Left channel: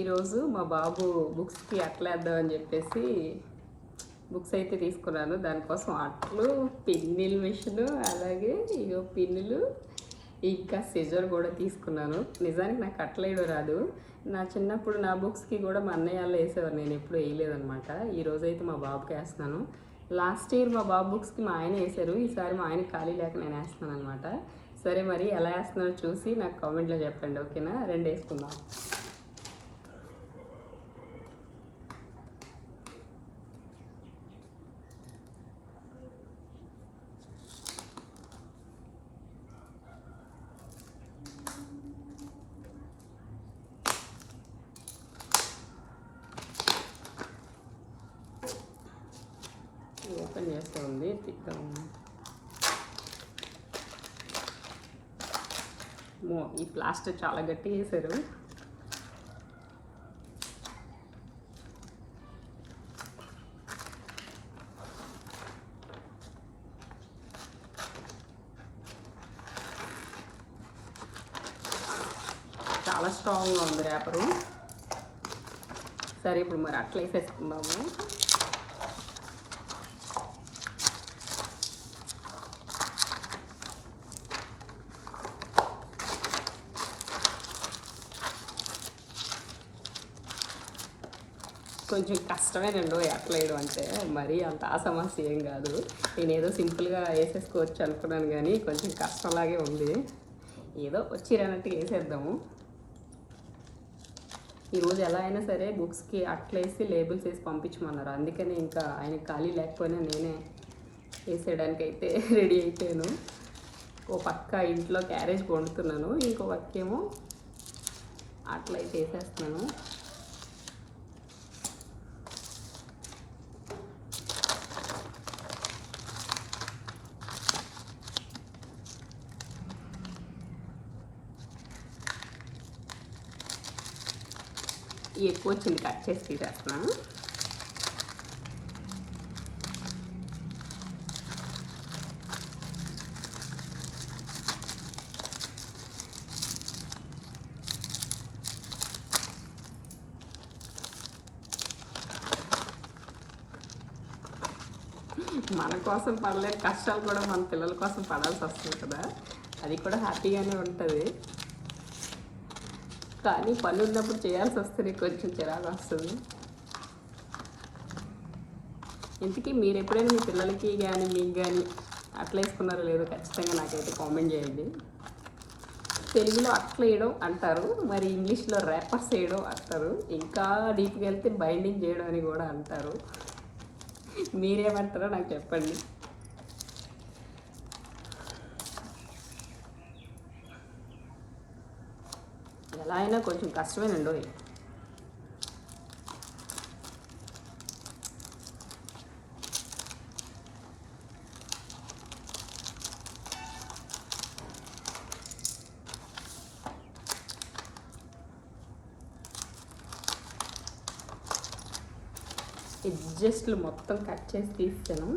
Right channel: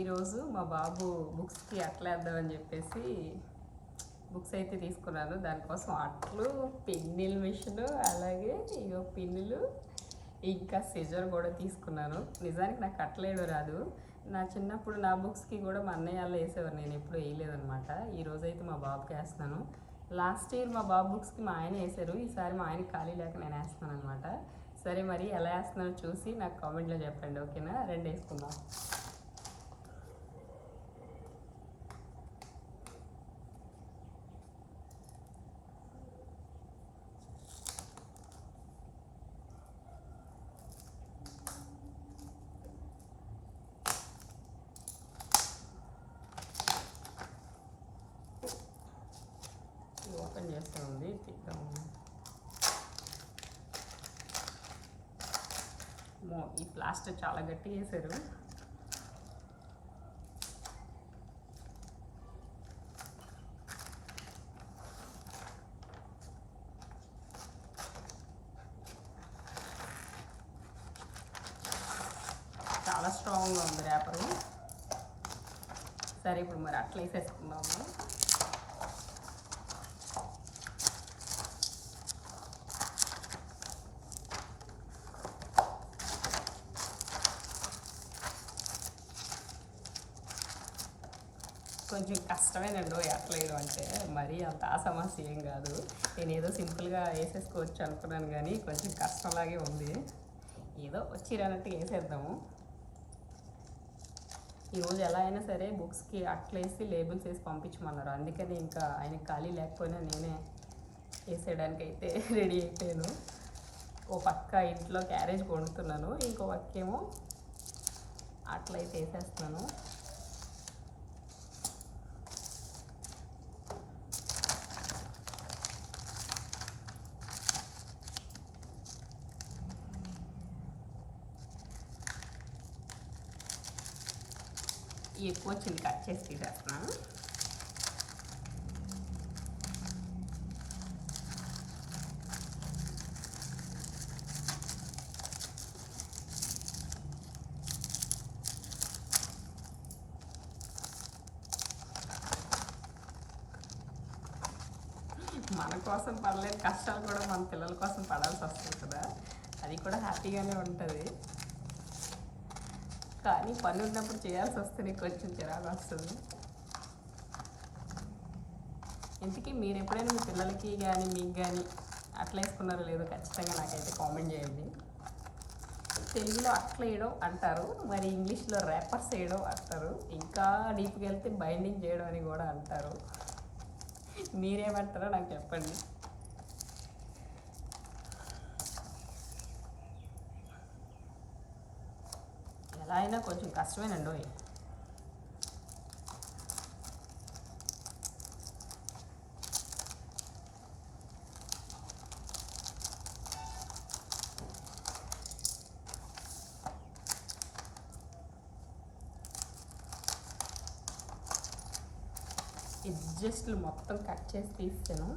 ఈరోజు మా బాబు బుక్స్కి అట్లేద్దామని చెప్పేసి బుక్స్ అయితే తీసుకున్నాను. దానికోసం అట్లు, పిన్నిల్ మిషన్, అలాగే ఇగో పిన్నులు, ఇంకా సిజర్ కూడా తీసుకున్నాను. నిజానికి నాకు అట్లేయడం రాదు. నా చిన్నప్పుడు నా బుక్స్కి కూడా మా అన్నయ్య వాళ్ళు వేసేవారు, నేను ఎప్పుడు వేయలేదనమాట. ఈరోజు అయితే మా బాబుకి వేస్తున్నాను. లాస్ట్ ఇయర్ మా బాబు బుక్స్కి మా ఆయన వేశారు, ఈసారి మా ఆయన ఖాళీ లేక నేను వేస్తున్నాను అనమాట. సరే, మరి ఎలా వేస్తున్నారో చూసి నాకు కామెంట్లో చెప్పండి, ఓకేనా? రెండు వేసుకుందాం. ఓపెన్ చేస్తూ ఉంది, తిద్దాం. ఈ ప్లాస్టర్ చాలా గట్టిగా వేసారు. చాలా స్ట్రాంగ్గా ఉంది ర్యాపరు. సరే, ఇప్పుడు మరి అట్లా వేసేసుకుందాము. కొంచెం కష్టమేనండి అట్లా వేయడం అంటే, మరీ అంత సమస్య ఏం కాదు. నేనేదో సింపుల్గా వేసేసుకోవచ్చు అనుకున్నాను, కానీ కొంచెం కష్టంలాగే ఉంది. ఏదో వచ్చిరన్నట్టుగా వేసేద్దాము. ఈరోజు ఎలా అయినా సరే బుక్స్కి అట్లేసి లేబుల్స్ వేసి పంపించమన్నారు. అందుకని ఇంకా ఆయన ఖాళీ లేకపోయినా నేనే వేసేయడానికి అయితే రెడీ అయిపోయాను. ఓ పక్క ఇంట్లో క్యారేజ్ వండుతున్నాను, ఇంకో పక్కేమో అట్లయితే వేసేస్తున్నాను. ఎక్కువ వచ్చింది, కట్ చేసి తీసేస్తున్నా. మన కోసం పడలేని కష్టాలు కూడా మన పిల్లల కోసం పడాల్సి వస్తుంది కదా, అది కూడా హ్యాపీగానే ఉంటుంది. కానీ పని ఉన్నప్పుడు చేయాల్సి వస్తుంది, కొంచెం చిరాకు వస్తుంది. ఇంతకీ మీరు ఎప్పుడైనా మీ పిల్లలకి కానీ మీకు కానీ అట్లా వేసుకున్నారో లేదో ఖచ్చితంగా నాకైతే కామెంట్ చేయండి. తెలుగులో అట్లా వేయడం అంటారు, మరి ఇంగ్లీష్లో ర్యాపర్స్ వేయడం అంటారు, ఇంకా డీప్గా వెళ్తే బైండింగ్ చేయడం అని కూడా అంటారు. మీరేమంటారో నాకు చెప్పండి. ఎలా అయినా కొంచెం కష్టమేనండి. ఎడ్జస్ట్లు మొత్తం కట్ చేసి తీసాను.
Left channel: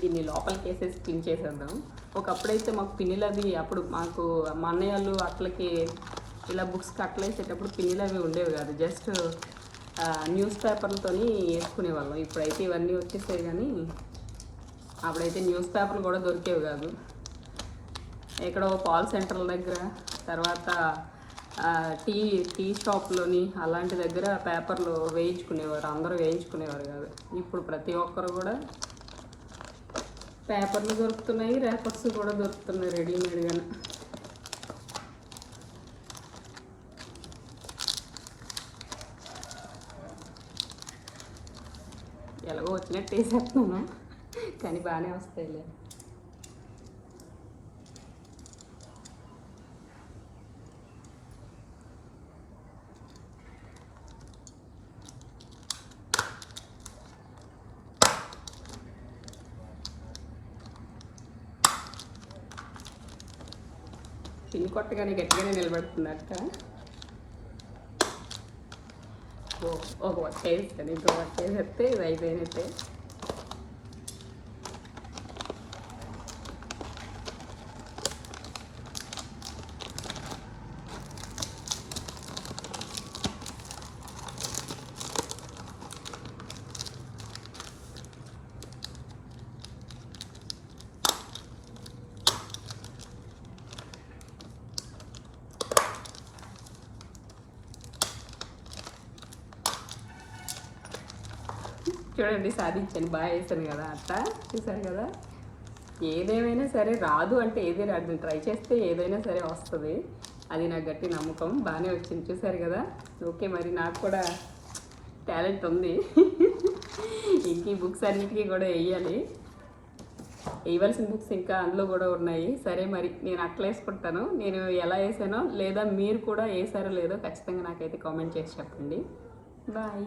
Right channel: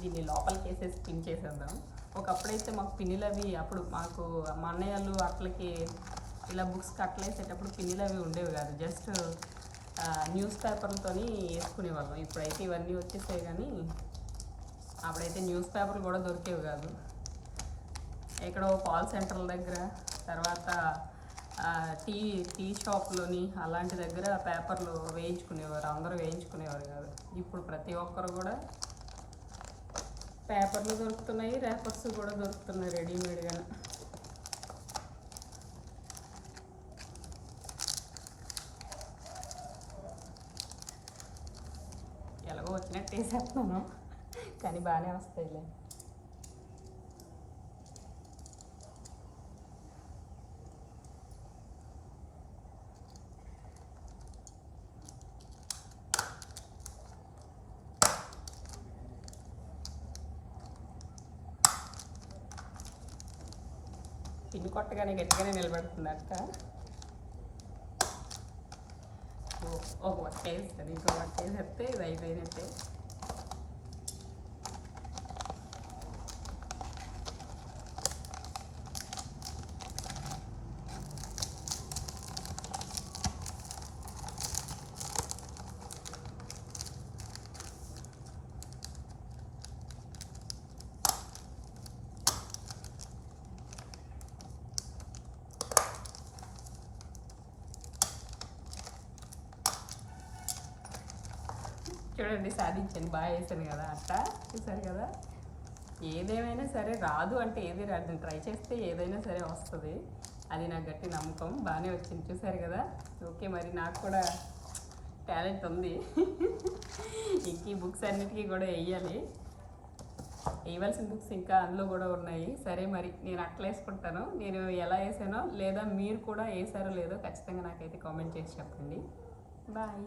దీన్ని లోపలికి వేసేసి పిన్ చేసేద్దాం. ఒకప్పుడైతే మాకు పిన్నులు అవి, అప్పుడు మాకు మా అన్నయ్యలు అట్లకి ఇలా బుక్స్కి అట్లా వేసేటప్పుడు పిన్నులు అవి ఉండేవి కాదు, జస్ట్ న్యూస్ పేపర్లతో వేసుకునేవాళ్ళం. ఇప్పుడైతే ఇవన్నీ వచ్చేసాయి, కానీ అప్పుడైతే న్యూస్ పేపర్లు కూడా దొరికేవి కాదు. ఎక్కడో పాల్ సెంటర్ల దగ్గర, తర్వాత టీ షాప్లోని అలాంటి దగ్గర పేపర్లు వేయించుకునేవారు, అందరూ వేయించుకునేవారు కాదు. ఇప్పుడు ప్రతి ఒక్కరు కూడా పేపర్లు దొరుకుతున్నాయి, ర్యాపర్స్ కూడా దొరుకుతున్నాయి రెడీమేడ్గానే. ఎలాగో వచ్చినట్టు వేసేస్తున్నాను, కానీ బాగానే వస్తాయిలే. పిన్ కొట్టగానే గట్టిగానే నిలబడుతుందట. ఒక వట్ట వేస్తాను, ఇంకో వట్ట వేసేస్తే ఇది అయిపోయినట్టే. చూడండి సాధించాను, బాగా వేసాను కదా అట్లా, చూసారు కదా. ఏదేమైనా సరే రాదు అంటే ఏది రాదు, ట్రై చేస్తే ఏదైనా సరే వస్తుంది, అది నాకు గట్టి నమ్మకం. బాగానే వచ్చింది చూసారు కదా. ఓకే, మరి నాకు కూడా టాలెంట్ ఉంది. ఇంక ఈ బుక్స్ అన్నిటికీ కూడా వేయాలి, వేయవలసిన బుక్స్ ఇంకా అందులో కూడా ఉన్నాయి. సరే మరి నేను అట్లా వేసుకుంటాను, నేను ఎలా వేసానో లేదా మీరు కూడా వేసారో లేదో ఖచ్చితంగా నాకైతే కామెంట్ చేసి చెప్పండి. బాయ్.